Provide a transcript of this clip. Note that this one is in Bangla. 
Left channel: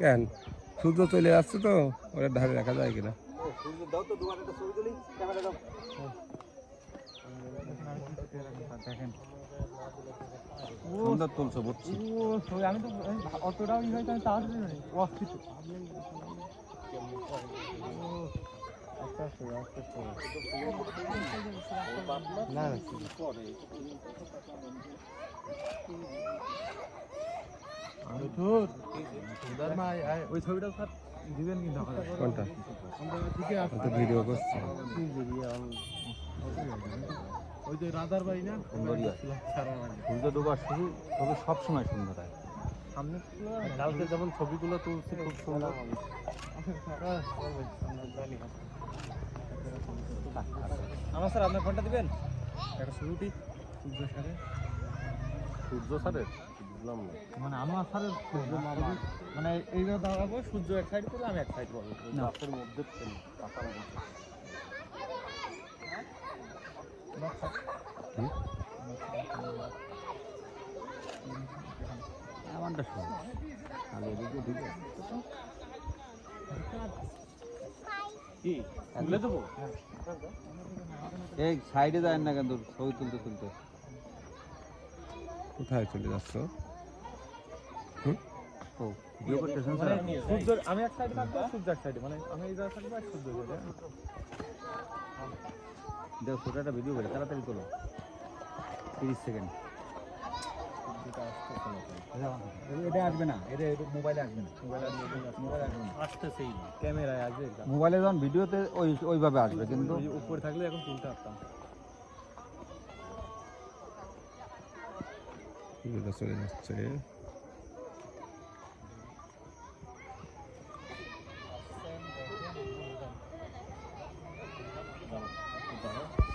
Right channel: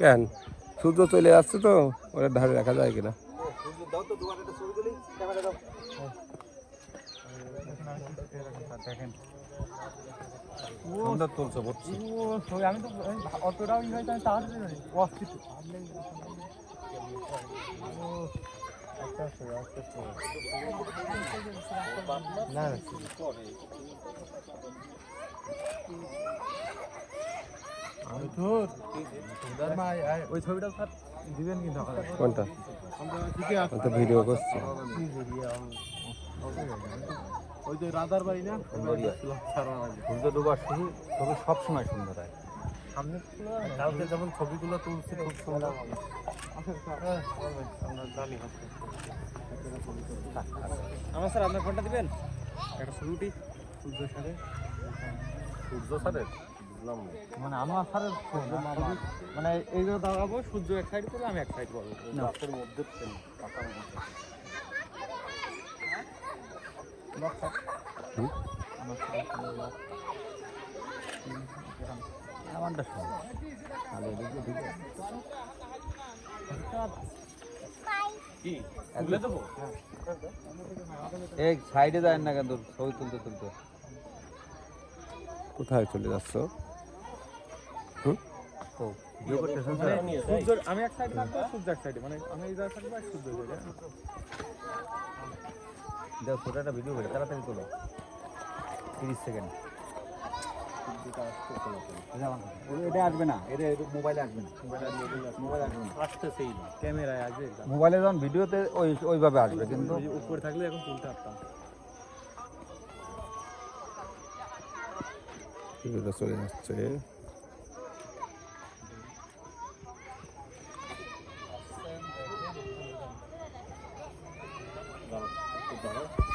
কেন সূর্য চলে আসছে তো ওরা ধারে রাখা যায় কিনা? কোনটা ভিডিও করছি? ওই যে রাধার বাড়ি না, সব সময় সুন্দর হয়। কালকে যেমন ছবিগুলো তুলছি খুব সুন্দর। আমার স্যার আপনার ফোনটা দিবেন একটা শুরুটি সূর্য সাথে মানে আমার স্যারের মানে এই যে দাঁড়াবো সূর্য এক সাইড করলে আমি এক সাইড করবো সাইডে যায় না কিন্তু ছবি তুলতে তুলতে কোথায় চলে যাচ্ছ? মানে সূর্য আমি এক সাইডে থাকবো সূর্য এক সাইডে, মানে আমি এই জায়গায় থাকবো আর সূর্য সাইডে। যাও সেটা একটা ভিডিও করে তাড়াতাড়ি তুলো 30 সেকেন্ড। এটা আসবে না, এটা মোবাইলে আসবে না, মোবাইলে আসবে না, আসতেছেই না, ক্যামেরায় আসবে। মোবাইলে যখন ভিডিওতে ওইভাবে আসবে, কিন্তু উপরে থাকলে এখন তুলতে পারতাম। চলে যাচ্ছে।